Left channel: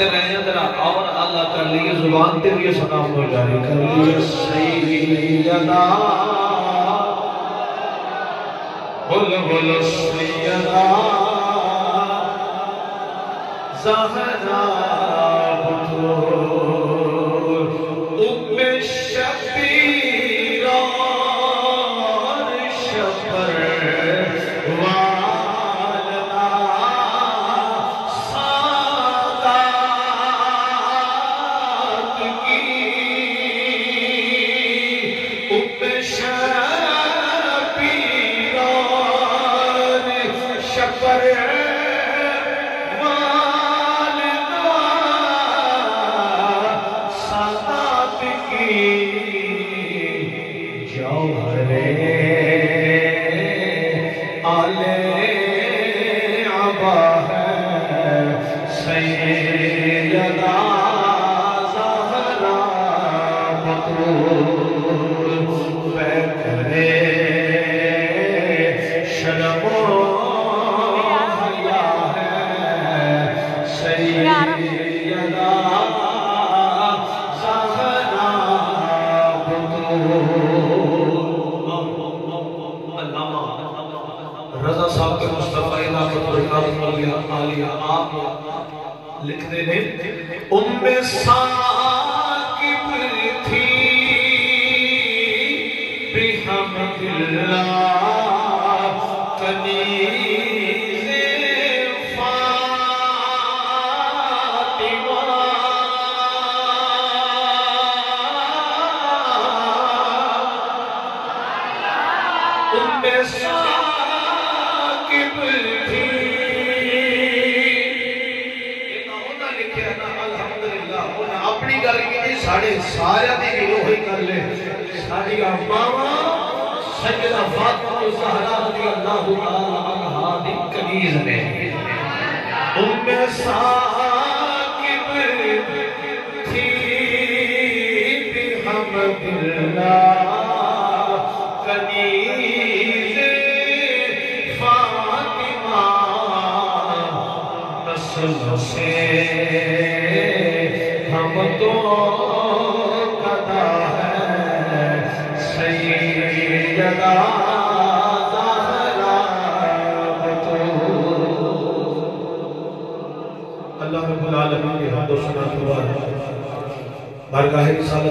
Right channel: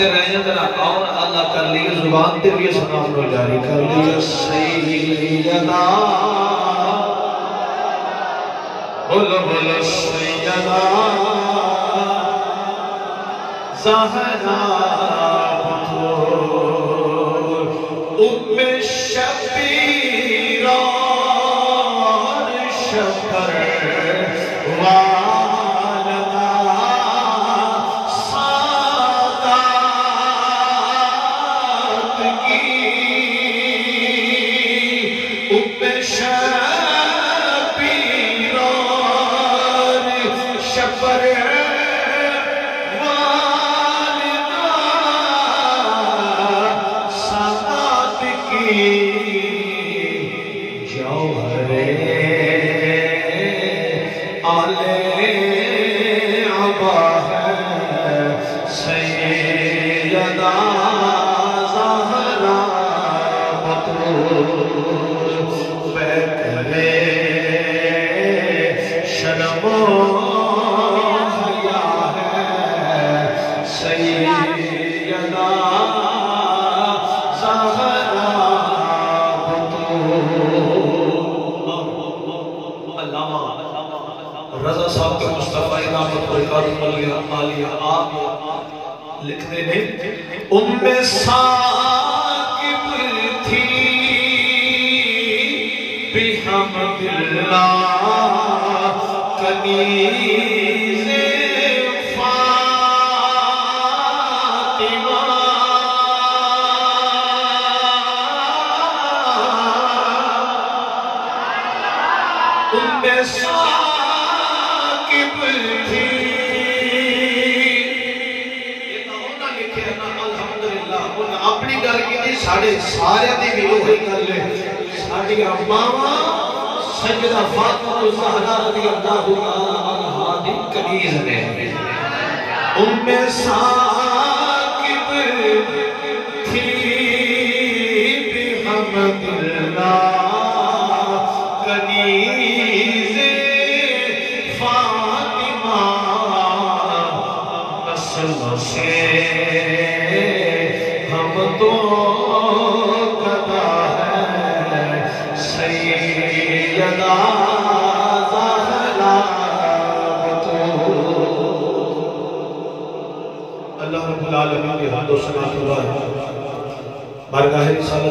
سنتے رہے ہیں ذرا اور اللہ کر لیے زبان تے بھی سلام نو جاری کر لیے سیدنا بولو بولو سیدنا زہرا بطور ام شبیر اور شکر والدہ سادات کی ام شبیر اور شکر سیدہ زہرا بطول بیکرے شرم و حیا ہے سیدہ زہرا بطول علامہ رضا صاحب کے مصطفیٰ انعامت برکات عالیہ آپ لکھتے ہیں ام ثاقب تھی بحمد اللہ کنیز فاطمہ ام ثاقب تھی اپنی گل کی ساڑھے سارے دی بھی وہی کر لے ساڑھی امامہ سیدہ فاطمہ الزہرا رضی اللہ عنہا دی کنیز نے ام ثاقب تھی بحمد اللہ کنیز فاطمہ نسل سے ہم تو قضا ہے سیدہ زہرا بطول اللہ رب العالمین نے حمد و ثنا کے بعد بارگاہ رسالت